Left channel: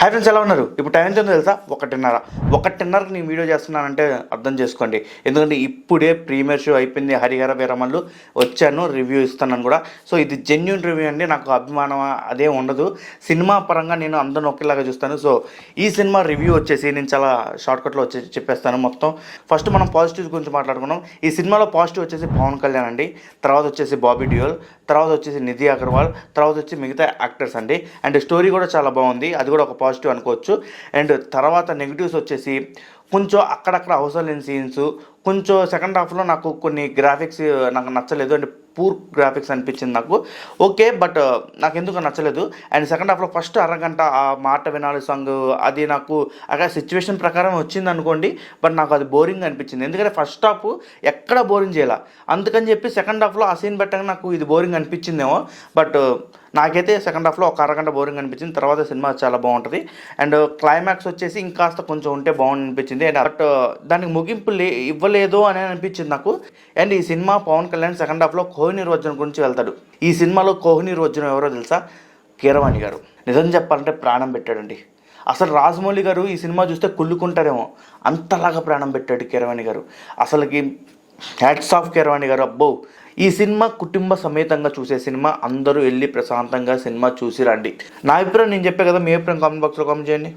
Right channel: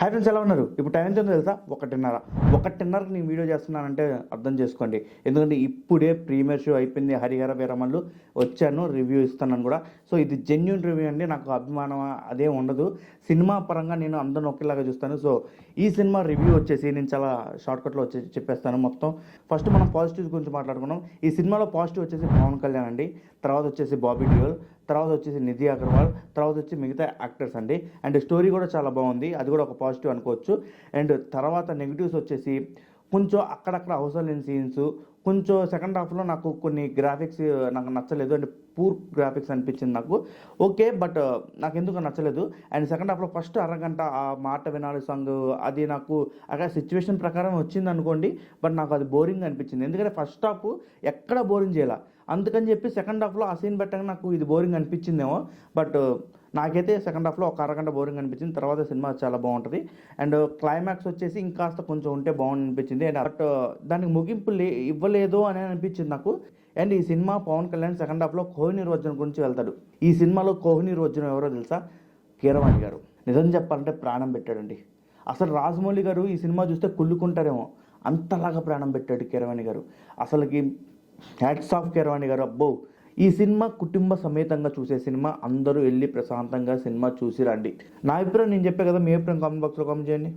Hi friends, ఎలా ఉన్నారు? ఇప్పుడు టైం ఎంత ఉందో తెలుసా? 1:30కి నేను వీడియో చేస్తున్నానంటే అర్థం చేసుకోండి. ఎందుకంటే ఇప్పుడే ప్రీమియర్ షో అయిపోయింది. హరిహర వీరమల్లు వచ్చాను, రివ్యూ ఇస్తున్నాను కూడా. సో ఇది జెన్యూన్ రివ్యూ అండి. నాకు అభిమానం అదే ఉండదు. సినిమా పరంగా నేను అందరిని ఒకేలాగా చూస్తాను. సో ఈ సినిమా రివ్యూ వచ్చేసి నేను చాలా షార్ట్కట్లో వచ్చేసి చెప్పేస్తాను మొత్తం. ఫస్ట్ మనం పాజిటివ్స్ గురించి మాట్లాడుకున్నాం. ఈ సినిమాలో పాజిటివ్ వచ్చేసి పవన్ కళ్యాణ్ అండి, తర్వాత వచ్చేసి బాబీ డియోల్, తర్వాత వచ్చేసి నిధి అగర్వాల్, తర్వాత వచ్చి మిగతా యాక్టర్స్ అండి. అండ్ స్టోరీ కూడా చాలా బాగుంది, అది కూడా ఒక పాజిటివ్ అనుకోవచ్చు. అండ్ తర్వాత నెగిటివ్స్ వచ్చేసి కొంచెం అక్కడక్కడ అవసరం లేని సీన్స్, కొంచెం సెకండ్ హాఫ్లో నాకు కొన్ని గ్రాఫిక్స్ నాకు నచ్చలేదు. అండ్ పూర్ గ్రాఫిక్స్ అనిపించింది నాకు. ఓకే, బట్ నాకు ఎందుకు నచ్చలేదు. అండ్ సెకండ్ హాఫ్లో ఫస్ట్ అరగంట ఆ మాట వినాలి సాంగ్, అది నాకు అక్కడ సిచ్యువేషన్ ప్రకారం వచ్చింది అనుకోండి, బట్ నాకు అది బోరింగ్ అనిపించింది. ఎందుకంటే ఫస్ట్ హాఫ్ ఎక్కడ బోరింగ్ చేయాల, అందుకని చెప్పి సెకండ్ హాఫ్లో ఆ సీన్ పెట్టగా నాకు ఇది బోరింగ్ అనిపించిందేమో. బట్ నాకైతే సెకండ్ హాఫ్లో ఒక అరగంట బోరింగ్ అనిపించింది. తర్వాత సినిమా చాలా బాగుంటుంది. అండ్ క్లైమాక్స్ వచ్చేసి ఇంకాస్త కొంచెం ఉంటే బాగుంది అనిపించింది. అండ్ బట్ దానికి ముగింపు ఇవ్వలేదు అని అనిపించింది నాకు. అండ్ ఈ సినిమా పవన్ కళ్యాణ్ సెకండ్ హాఫ్లో కోహినూర్ వజ్రం గురించి వెళ్తాడు. ఈ సినిమాలో కోహినూర్ వజ్రం ఎవరో తెలుసా? కీరవాణి గారు. నిజం చెప్పాలంటే ప్రాణం పెట్టాడండి. అసలు రాజమౌళి గారు ఈ సినిమా చూస్తే కుళ్ళుకుంటారేమో, అంతలాగా ప్రాణం పెట్టాడు కీరవాణి గారు. అసలుకి హ్యాట్స్ ఆఫ్ కీరవాణి గారు. అబ్బో, ఈ సినిమా కుటుంబ సమేతంగా చూసే సినిమా. అందరూ వెళ్ళి ప్రశాంతంగా సినిమా చూసి రండి. నా అభిప్రాయం నేను చెప్పే కదా, మీ అభిప్రాయం కామెంట్ బాక్స్లో కామెంట్ చేయండి.